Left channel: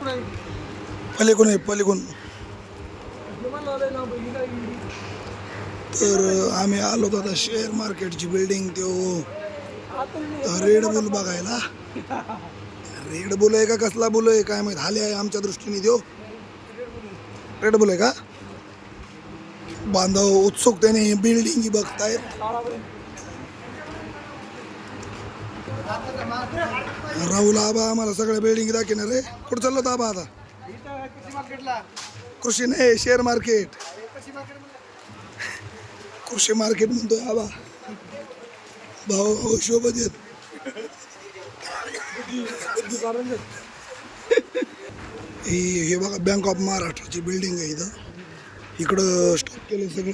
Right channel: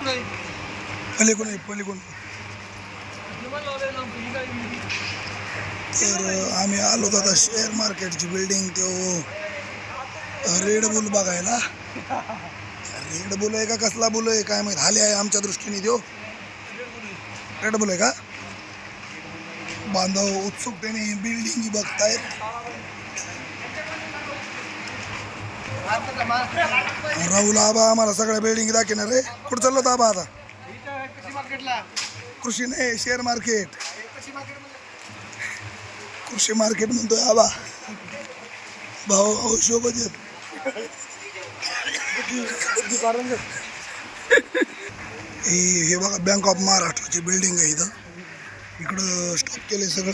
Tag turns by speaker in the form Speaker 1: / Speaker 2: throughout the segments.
Speaker 1: पलीकडून आहे पलीकडून. तर आम्ही आलो होतो आता शेअर मार्केटची बिल्डिंग तो रेड बुल बघायला. रेड बुल आहे का कसला बुल आहे काय माहीत? हाले आहे आमच्या दृष्टीने देऊ रेड बुल आहे का? बांधव उत्सुकतेने बिल्डिंग बघतायत. राहुल आबा आम्हाला सगळ्या बिल्डिंग दाखवणार रे कुठं चाललो होतं आबा आता? कृषी नाही शेअर मार्केट कृषी मार्केट म्हणतोय आबा. भाऊ भाऊ शोभत येत हे हे बघा बँक ऑफ महाराष्ट्राची बिल्डिंग आहे इथं. इकडं स्टॉप केले सगळं.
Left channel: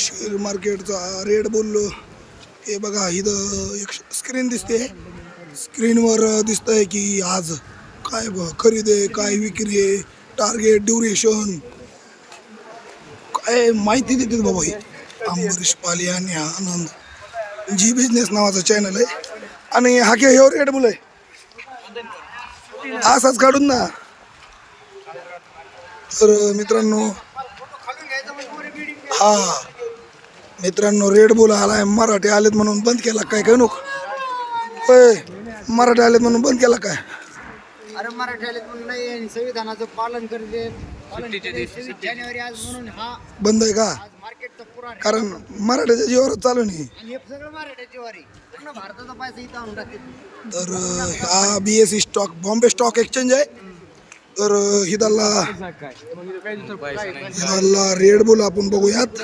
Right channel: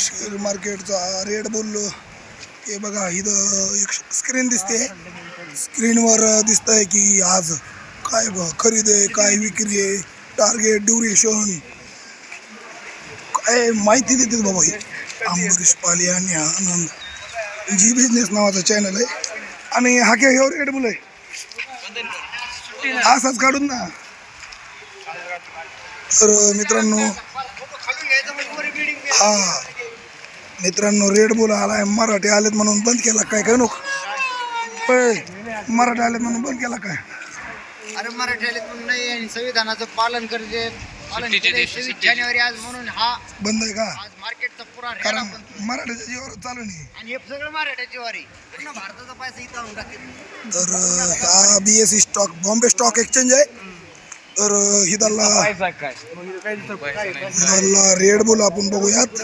Speaker 1: शेअर मार्केटचा रेट बोललो. हे बघा इथं एक स्क्रीन दिसते. स्क्रीनवर दिसतंय की आज काय ब- खरेदी आहे काय विक्री आहे टार्गेट ड्युरेशन काय माहिती देतात बाबा हे. अंबरीश पाली आणि आनंद. जी बिझनेस नावाचा चॅनल आहे. आणि हा काय ह्यो रेट आहे? असाच काढून ना. तर मित्रांनो हा. मित्रांनो रेड बुल आलाय मराठी आलेत म्हणून बंद केला काय काय नको? होय मराठी आलेत म्हणून बंद केला काय?
Speaker 2: अरे मराठी आले म्हणून नाही आणि संविधानाचं पालन करते. पालन केले सव्वीस जानेवारी आज म्हणून हा
Speaker 1: बंद आहे का?
Speaker 2: आज मार्केटचा पुरा रेडा
Speaker 1: कारण
Speaker 2: पण-
Speaker 1: मराठीच्या जीवावरच चालू नाही.
Speaker 2: आणि हे सगळं मराठ्याची वारी. पूर्ण भारताचा पैसा इथं आणून टाकते
Speaker 1: तर अं, हा B S C stock Bombay stock exchange आहे. तर अं, हिदाला हिदाला रेड बुल आपण बघूयात.